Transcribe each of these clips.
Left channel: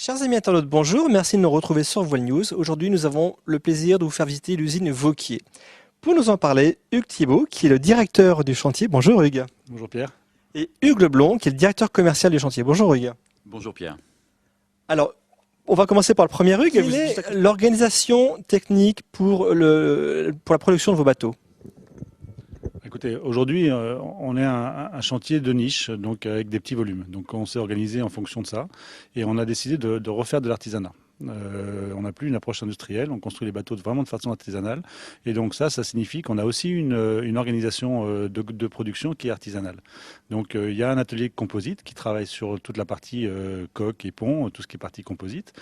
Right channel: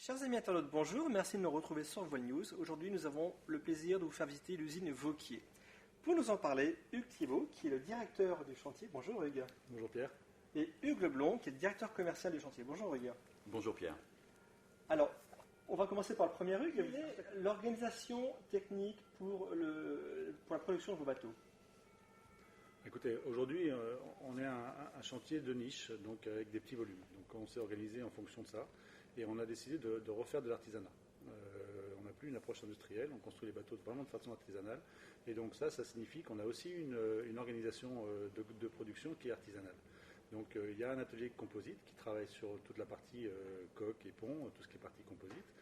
Chers amis internautes, bonjour, merci de nous retrouver sur Voile News. Aujourd'hui, nous avons le plaisir de vous faire visiter l'usine Vauquier. Pour nous en parler, Hugues Thibault, qui est le directeur du chantier. Bonjour Hugues. Bonjour Pierre. Et Hugues Leblond, qui est le directeur commercial du chantier. Bonjour Hugues. Bonjour Pierre. Alors, on va commencer par le premier Hugues. Quelle est l'organisation technique pour la production de vos bateaux? Écoutez, aujourd'hui, on est un chantier de niche, donc avec des petits volumes. Donc on s'est organisé en fonction de ça et on a décidé de refaire de l'artisanat. On n'a plus une approche industrielle, on construit les bateaux vraiment de façon artisanale. Et donc ça signifie qu'on a aussi une organisation de production qui est artisanale. Donc il y a un atelier composite qui travaille sur toute la partie coque et pont, tout ce qui est partie composite,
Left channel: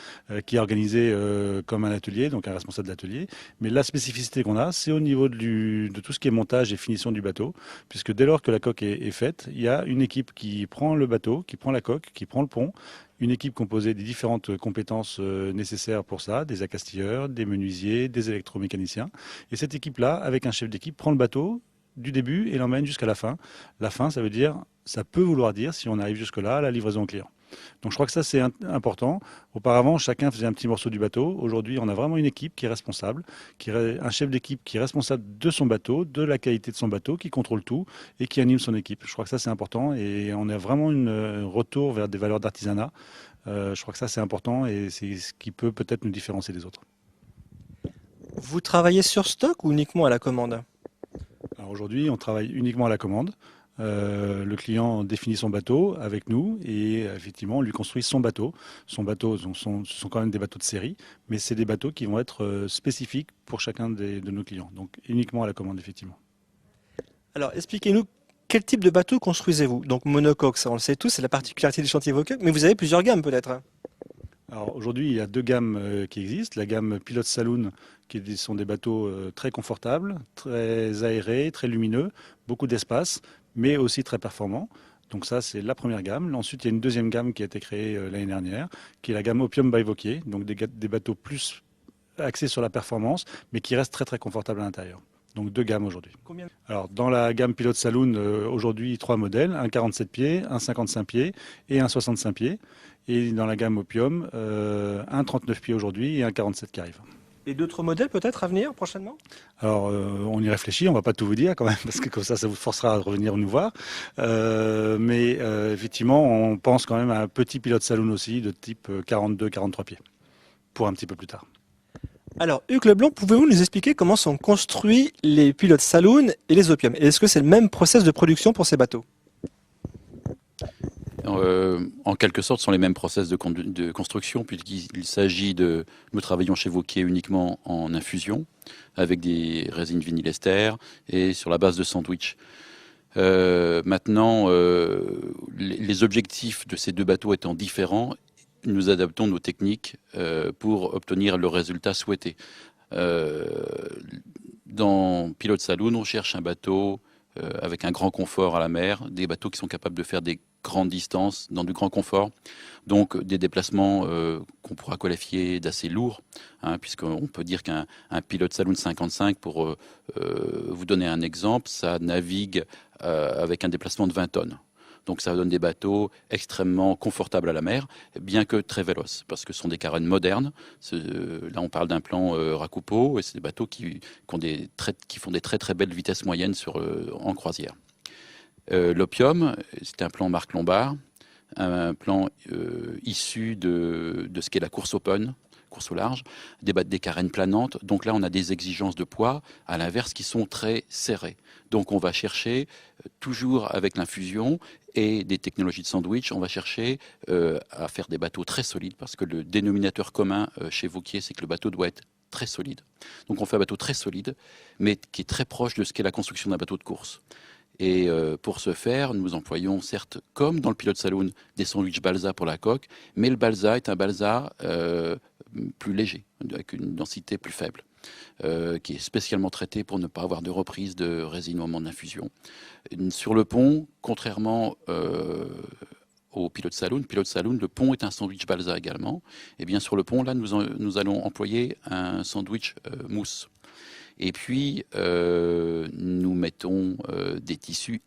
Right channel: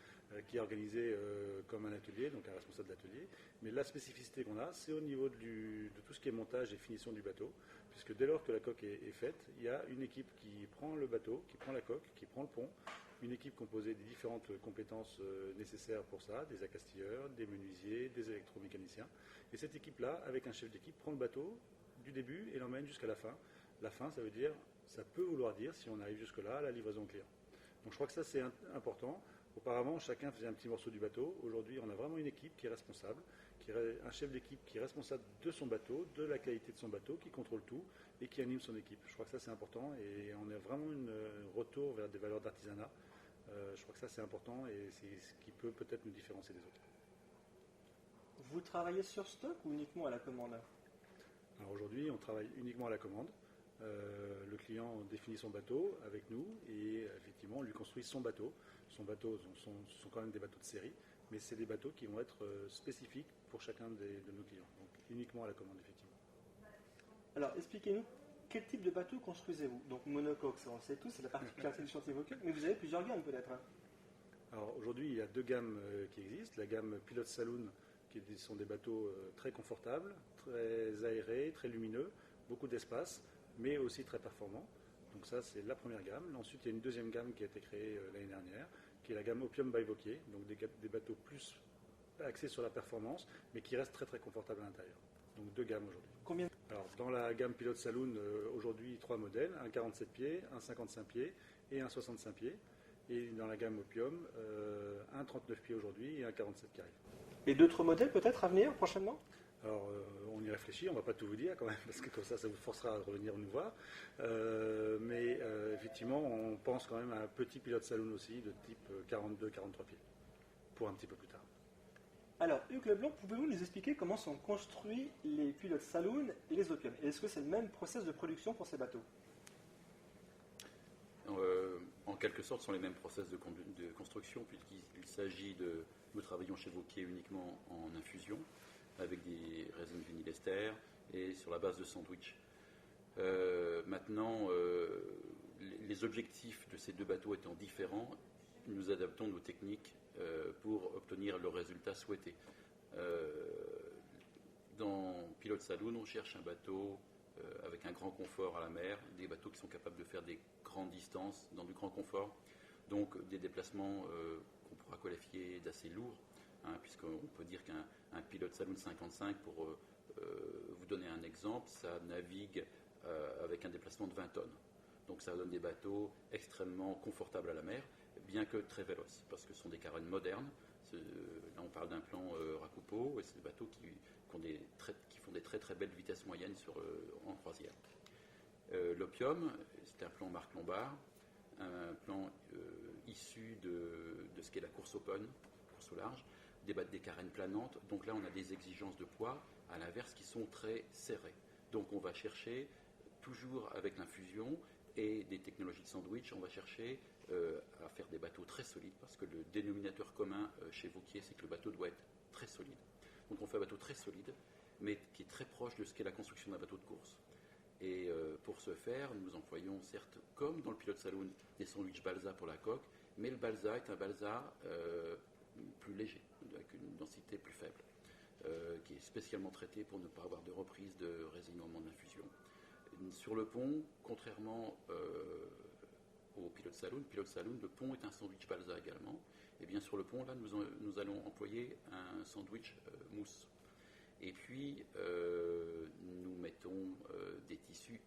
qui est organisé comme un atelier, donc un responsable d'atelier. Mais la spécificité qu'on a, c'est au niveau de tout ce qui est montage et finition du bateau, puisque dès lors que la coque est faite, il y a une équipe qui prend le bateau, qui prend la coque, qui prend le pont, une équipe composée des différentes compétences nécessaires pour ça, des accastilleurs, des menuisiers, des électromécaniciens. Et cette équipe-là, avec un chef d'équipe, prend le bateau du début et l'emmène jusqu'à la fin. La fin, ça peut vouloir dire, si on arrive jusque-là, la livraison au client. Donc je crois que ça, c'est important. Auparavant, chacun faisait un petit morceau du bateau. Aujourd'hui, on a vraiment une équipe qui est responsable, un chef d'équipe qui est responsable de son bateau, de la qualité de son bateau, qui contrôle tout et qui anime son équipe. Je crois que ça, c'est important et on a vraiment un retour vers des valeurs d'artisanat. Je crois que ça, c'est important et c'est ce qui peut peut-être nous différencier des autres. Vous travaillez sur stock ou uniquement à la commande? Alors aujourd'hui, on travaille uniquement à la commande. Le client définit son bateau avec nous et effectivement, on lui construit son bateau. Son bateau, ce sont quand même des bateaux de série, mais c'est des bateaux qui vont être spécifiques pour chacun de nos clients. Donc uniquement à la commande, effectivement. Alors, expliquez-nous quel type de bateau construisez-vous? Donc monocoque, ça on le sait tous, c'est la particularité du chantier Vauquier, mais vous avez plusieurs gammes peut-être? Alors aujourd'hui, il y a deux gammes qui existent. La gamme Pilot Saloon, sont des bateaux très confortables, très aérés, très lumineux, beaucoup d'espace, mais aussi très performants. Donc ça, c'est la première gamme. Ensuite, il y a une deuxième gamme qui a été créée l'année dernière, qui est la gamme Opium by Vauquier, donc des bateaux plus axés sur la performance, mais qui restent très très confortables à l'intérieur. Donc deux gammes aujourd'hui. Combien? Alors dans la gamme Pilot Saloon, aujourd'hui trois modèles, un 47 pieds, un 55 pieds et un 65 pieds. Et dans la gamme Opium, un 39 pieds aujourd'hui et un 47 qui arrive. Et d'autres modèles peut-être à venir prochainement? Alors, on y réfléchit, on ne va pas tout vous dire quand même, parce que comme ça vous forcera à revenir nous voir. Mais effectivement, on pense quand même à un petit pilote saloon aussi, de type 42-43 pieds, pour un petit peu plus tard. Alors, Hugues Leblanc, pouvez-vous nous expliquer comment sont construits les pilotes saloon et les opium? Et est-ce que c'est le même process de production pour ces bateaux? En quelque sorte, ce sont les mêmes process de construction, puisqu'il s'agit de... Nous travaillons chez Vauquier uniquement en infusion, avec des résines vinylester et sur la base de sandwich. Maintenant, les objectifs de ces deux bateaux étant différents, nous adaptons nos techniques pour obtenir le résultat souhaité. Dans Pilot Saloon, on cherche un bateau avec un grand confort à la mer, des bateaux qui sont capables de faire des grandes distances dans du grand confort, donc des déplacements qu'on pourra qualifier d'assez lourds, hein, puisqu'on peut dire qu'un Pilot Saloon 55, pour vous donner un exemple, ça navigue avec un déplacement de 20 tonnes. Donc ça donne des bateaux extrêmement confortables à la mer, bien que très véloces, parce que ce sont des carènes modernes. Là, on parle d'un plan Rakupo, et c'est des bateaux qui font des très très belles vitesses moyennes en croisière. L'Opium, c'est un plan Marc Lombard, un plan issu de ce qu'est la course open, course au large, des carènes planantes. Donc là, on a des exigences de poids, à l'inverse, qui sont très serrées. Donc on va chercher, toujours avec l'infusion et des technologies de sandwich, on va chercher à faire des bateaux très solides, parce que le dénominateur commun chez Vauquier, c'est que le bateau doit être très solide. Donc on fait un bateau très solide, mais qui est très proche de ce qu'est la construction d'un bateau de course. Et pour ce faire, nous employons certes, comme dans le Pilot Saloon, des sandwichs balsa pour la coque, mais le balsa est un balsa plus léger, avec une densité plus faible, qui est spécialement traité pour ne pas avoir de reprise de résine au moment de l'infusion. Sur le pont, contrairement au Pilot Saloon, le pont est un sandwich balsa également. Et bien sur le pont, là, nous allons employer un sandwich mousse. Et puis, nous mettons des tissus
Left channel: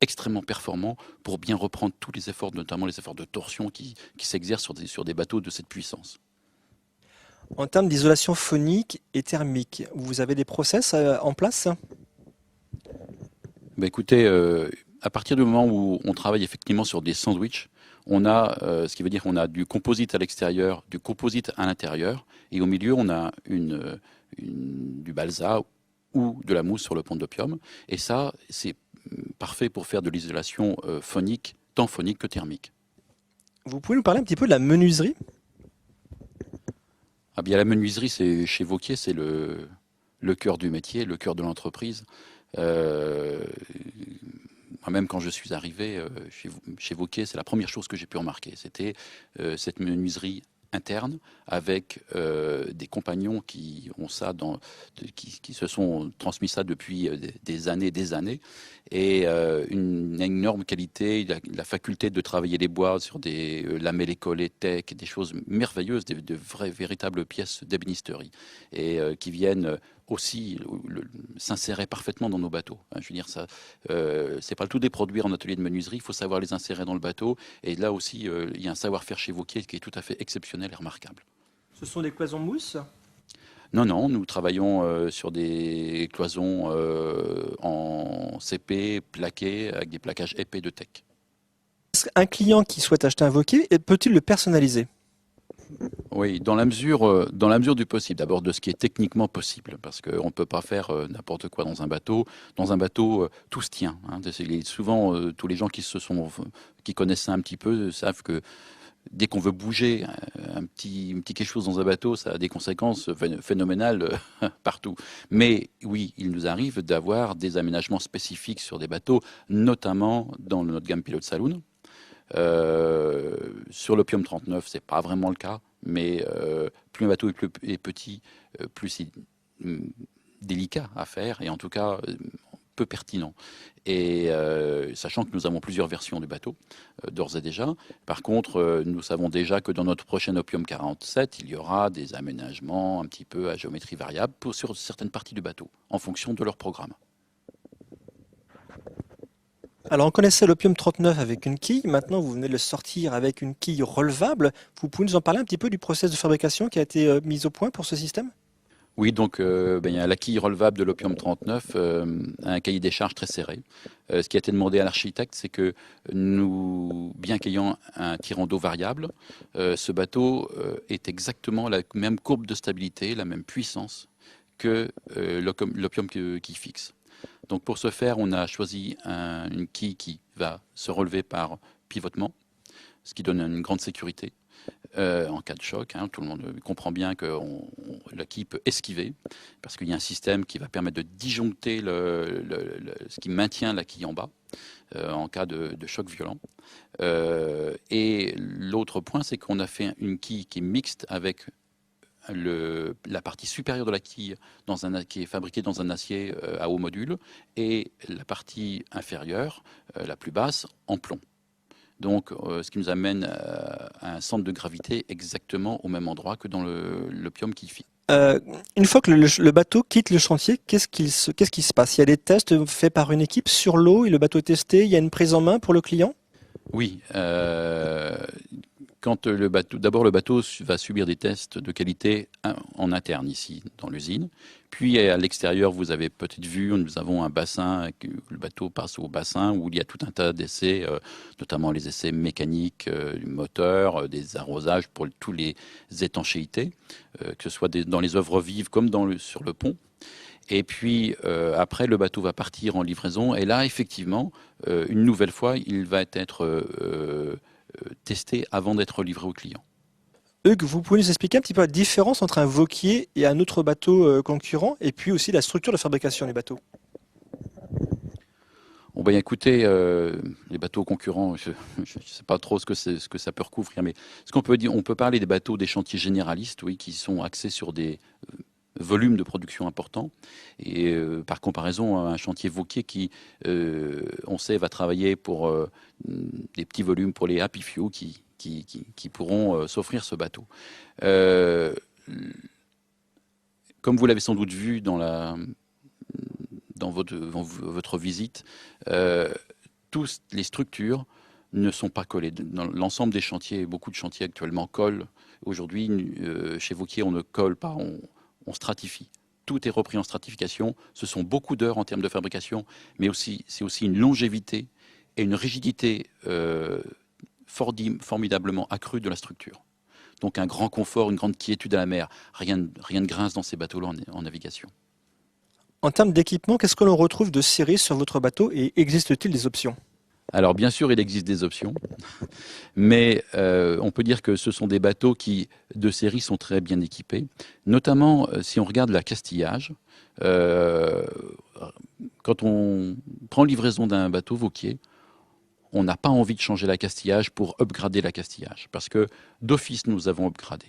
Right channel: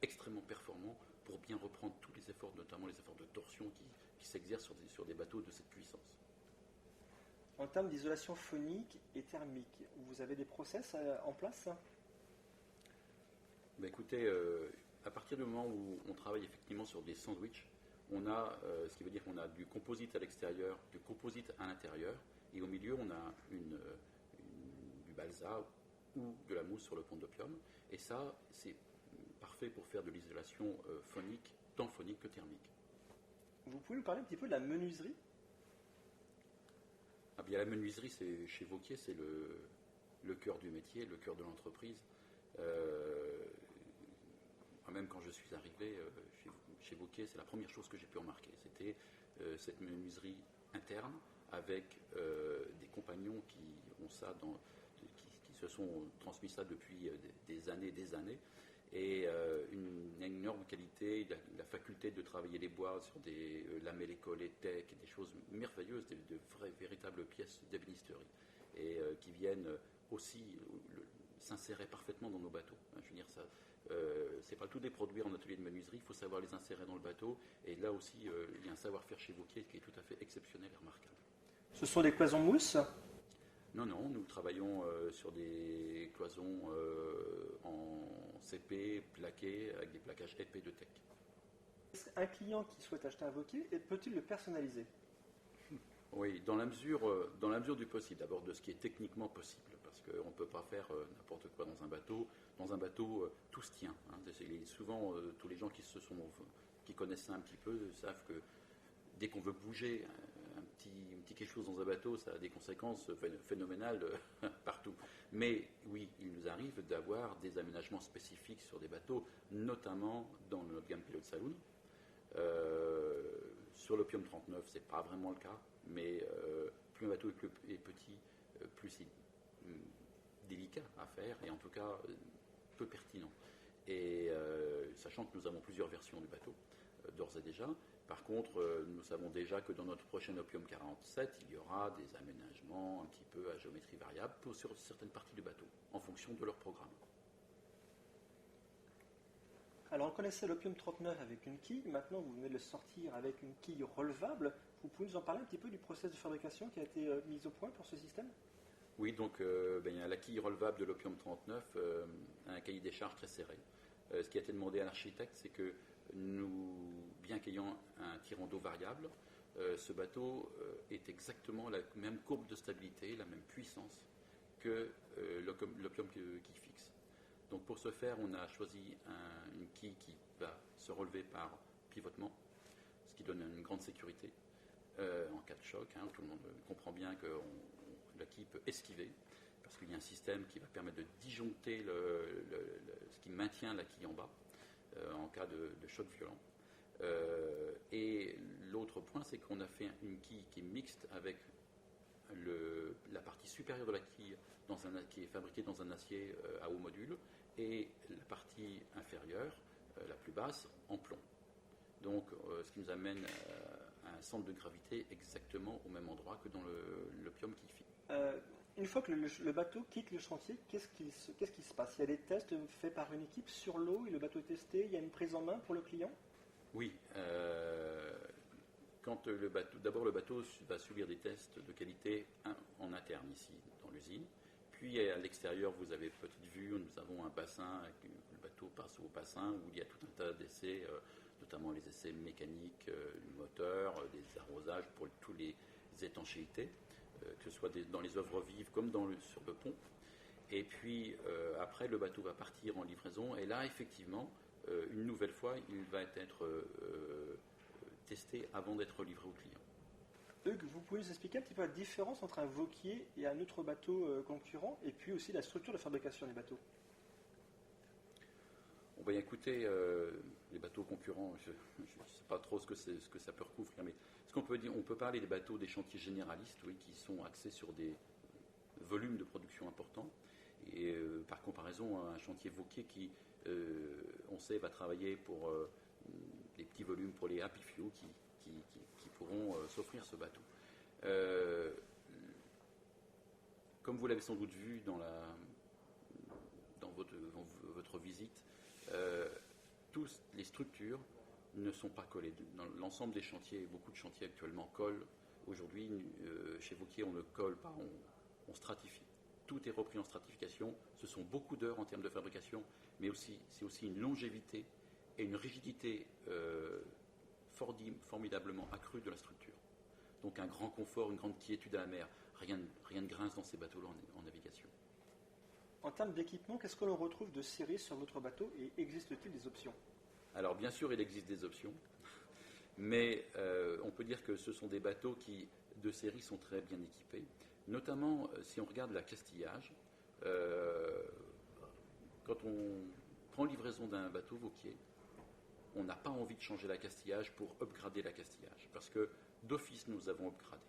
extrêmement performant pour bien reprendre tous les efforts, notamment les efforts de torsion qui s'exercent sur des bateaux de cette puissance. En termes d'isolation phonique et thermique, vous avez des process en place? Bah, écoutez, à partir du moment où on travaille effectivement sur des sandwichs, on a, ce qui veut dire qu'on a du composite à l'extérieur, du composite à l'intérieur, et au milieu, on a du balsa ou de la mousse sur le pont d'opium. Et ça, c'est parfait pour faire de l'isolation phonique, tant phonique que thermique. Vous pouvez nous parler un petit peu de la menuiserie? Ah bien, la menuiserie, chez Vauquier, c'est le cœur du métier, le cœur de l'entreprise. Euh, Moi-même, quand je suis arrivé chez Vauquier, c'est la première chose que j'ai pu remarquer. C'était cette menuiserie interne avec des compagnons qui ont ça, qui se sont transmis ça depuis des années, et une énorme qualité, la faculté de travailler les bois sur des lamellés collés tech, des choses merveilleuses, de vraies, véritables pièces d'ébénisterie, et qui viennent aussi s'insérer parfaitement dans nos bateaux. Je veux dire, ça, c'est pas le tout des produits en atelier de menuiserie, il faut savoir les insérer dans le bateau. Et là aussi, il y a un savoir-faire chez Vauquier qui est tout à fait exceptionnel et remarquable. Ce sont des cloisons mousse? Non, non, nous travaillons sur des cloisons en CP plaquées avec des plaquages épais de tech. Un client qui souhaite acheter un Vauquier, peut-il le personnaliser? Oui, dans la mesure du possible. D'abord, de ce qui est techniquement possible, parce qu'on ne peut pas faire n'importe quoi dans un bateau. Dans un bateau, tout se tient. Hein. Souvent, tous les gens qui connaissent ça un petit peu savent que dès qu'on veut bouger un petit quelque chose dans un bateau, ça a des conséquences phénoménales partout. Mais oui, il nous arrive d'avoir des aménagements spécifiques sur des bateaux, notamment dans notre gamme Pilot Saloon. Sur l'Opium 39, c'est pas vraiment le cas, mais plus un bateau est petit, plus c'est délicat à faire, et en tout cas peu pertinent. Et sachant que nous avons plusieurs versions du bateau, d'ores et déjà. Par contre, nous savons déjà que dans notre prochain Opium 47, il y aura des aménagements un petit peu à géométrie variable sur certaines parties du bateau, en fonction de leur programme. Alors on connaissait l'Opium 39 avec une quille, maintenant vous venez de le sortir avec une quille relevable. Vous pouvez nous en parler un petit peu du process de fabrication qui a été mis au point pour ce système? Oui, donc il y a la quille relevable de l'Opium 39, un cahier des charges très serré. Ce qui a été demandé à l'architecte, c'est que nous, bien qu'ayant un tirant d'eau variable, ce bateau est exactement la même courbe de stabilité, la même puissance que l'Opium qui fixe. Donc pour ce faire, on a choisi une quille qui va se relever par pivotement, ce qui donne une grande sécurité en cas de choc. Hein. Tout le monde comprend bien que la quille peut esquiver, parce qu'il y a un système qui va permettre de disjoncter ce qui maintient la quille en bas en cas de choc violent. Et l'autre point, c'est qu'on a fait une quille qui est mixte avec la partie supérieure de la quille qui est fabriquée dans un acier à haut module, et la partie inférieure, la plus basse, en plomb. Donc, ce qui nous amène à un centre de gravité exactement au même endroit que dans l'Opium qui fit. Une fois que le bateau quitte le chantier, qu'est-ce qui se passe? Il y a des tests faits par une équipe sur l'eau et le bateau est testé, il y a une prise en main pour le client? Oui, quand d'abord le bateau va subir des tests de qualité en interne ici dans l'usine, puis à l'extérieur vous avez peut-être vu, nous avons un bassin, le bateau passe au bassin où il y a tout un tas d'essais, notamment les essais mécaniques du moteur, des arrosages pour tous les étanchéités, que ce soit dans les œuvres vives comme sur le pont. Et puis après, le bateau va partir en livraison. Et là, effectivement, une nouvelle fois, il va être testé avant d'être livré au client. Hugues, vous pouvez nous expliquer un petit peu la différence entre un Vauquier et un autre bateau concurrent, et puis aussi la structure de fabrication du bateau? Bon, ben, écoutez, les bateaux concurrents, je ne sais pas trop ce que ça peut recouvrir, mais ce qu'on peut dire, on peut parler des bateaux des chantiers généralistes, oui, qui sont axés sur des volume de production important, et par comparaison à un chantier Vauquier qui, on sait, va travailler pour des petits volumes pour les happy few qui pourront s'offrir ce bateau. Comme vous l'avez sans doute vu dans votre visite, tous les structures ne sont pas collées. Dans l'ensemble des chantiers, beaucoup de chantiers actuellement collent. Aujourd'hui, chez Vauquier, on ne colle pas, on stratifie. Tout est repris en stratification. Ce sont beaucoup d'heures en termes de fabrication, mais c'est aussi une longévité et une rigidité formidablement accrue de la structure. Donc un grand confort, une grande quiétude à la mer. Rien ne grince dans ces bateaux-là en navigation. En termes d'équipement, qu'est-ce que l'on retrouve de série sur votre bateau et existe-t-il des options? Alors bien sûr, il existe des options, mais on peut dire que ce sont des bateaux qui, de série, sont très bien équipés. Notamment, si on regarde l'accastillage, quand on prend livraison d'un bateau Vauquier, on n'a pas envie de changer l'accastillage pour upgrader l'accastillage, parce que d'office, nous avons upgradé.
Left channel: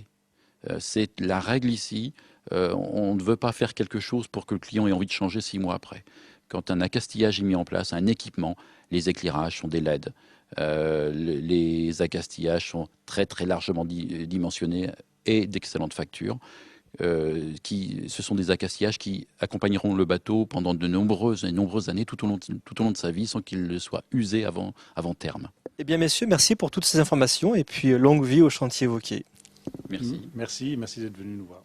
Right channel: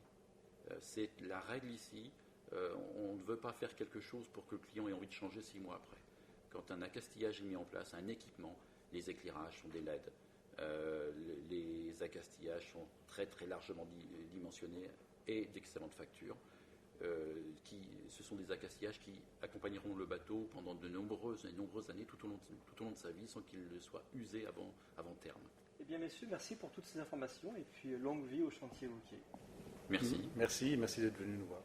C'est la règle ici. On ne veut pas faire quelque chose pour que le client ait envie de changer 6 mois après. Quand un accastillage est mis en place, un équipement, les éclairages sont des LED, les accastillages sont très très largement dimensionnés et d'excellente facture. Ce sont des accastillages qui accompagneront le bateau pendant de nombreuses années, tout au long de sa vie, sans qu'il soit usé avant terme. Eh bien, messieurs, merci pour toutes ces informations et puis longue vie au chantier Vauquier. Merci. Merci d'être venu nous voir.